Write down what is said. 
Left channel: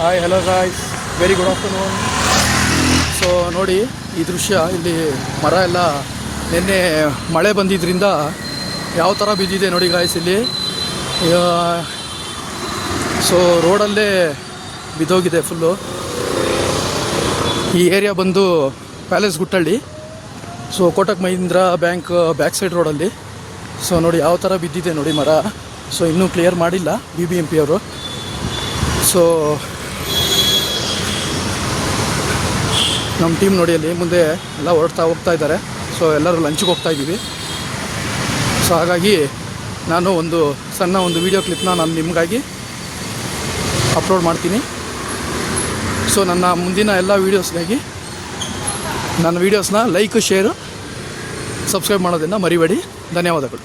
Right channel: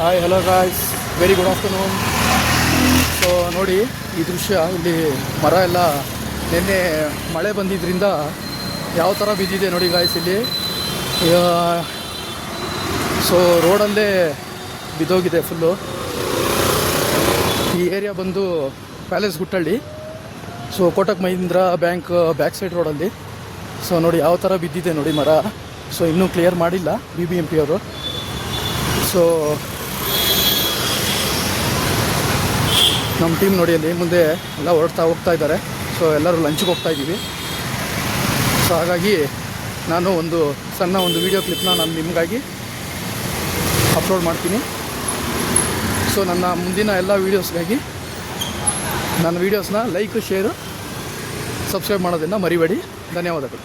Hi hello guys, very good afternoon. So ನೋಡಿ ಈ ದೃಶ್ಯ, ಇಲ್ಲಿ ಮರ ಎಲ್ಲ ನಿನ್ನೆ ಮಳೆ ಬಂದಿದ್ದರಿಂದ ಯಾವ ಥರ ಬಿದ್ದಿದೆ ನೋಡಿ ಗಾಯ್ಸ್ ಇಲ್ಲಿ. ಸೊ ರೋಡಲ್ಲೇ ಬಿದ್ದೋಗಿದೆ ಫುಲ್ಲು. ಈ ಏರಿಯಾ ಬಂದು palace Guttahalli, so Kotak Mahindra bank back side ರೋಡಲ್ಲಿ. ಸೊ ನೋಡಿ ಯಾವ ಥರ ಬಿದ್ದಿದೆ ನೋಡಿ ಮರ. ಸೊ ಇನ್ನೂ ಕ್ಲಿಯರ್ ಮಾಡಿಲ್ಲ BBMP ಅವರು. ಸೊ ನಮ್ಮ ಟೀಮ್ ನೋಡಿ ಅಲ್ಲಿ ಮುಂದೆ ಎಲ್ಲ ಹೋಗ್ತಾ ಇದ್ದಾರೆ. ಸೊ ಎಲ್ಲರೂ ಲಂಚ್ಗೆ ಹೋಗ್ತಾ ಇದ್ದೀವಿ. ಸೊ ಹಾಗಾಗಿ ನಾನು ಒಂದು ಸಣ್ಣ ವೀಡಿಯೋ ಕ್ಲಿಪ್ನ ನಾನು ನಿಮಗಾಗಿ ಅಪ್ಲೋಡ್ ಮಾಡ್ತೀನಿ. ಸೊ ನನ್ನ ಮುಂದಿನ ಎಲ್ಲ ವೀಡಿಯೋಸ್ಗಾಗಿ ನನ್ನ ವೀಡಿಯೋಸ್ನ ಲೈಕ್, ಶೇರು, ಸಬ್ಸ್ಕ್ರೈಬ್ ಮಾಡೋದನ್ನು ಮರಿಬೇಡಿ. ಧನ್ಯವಾದಗಳು.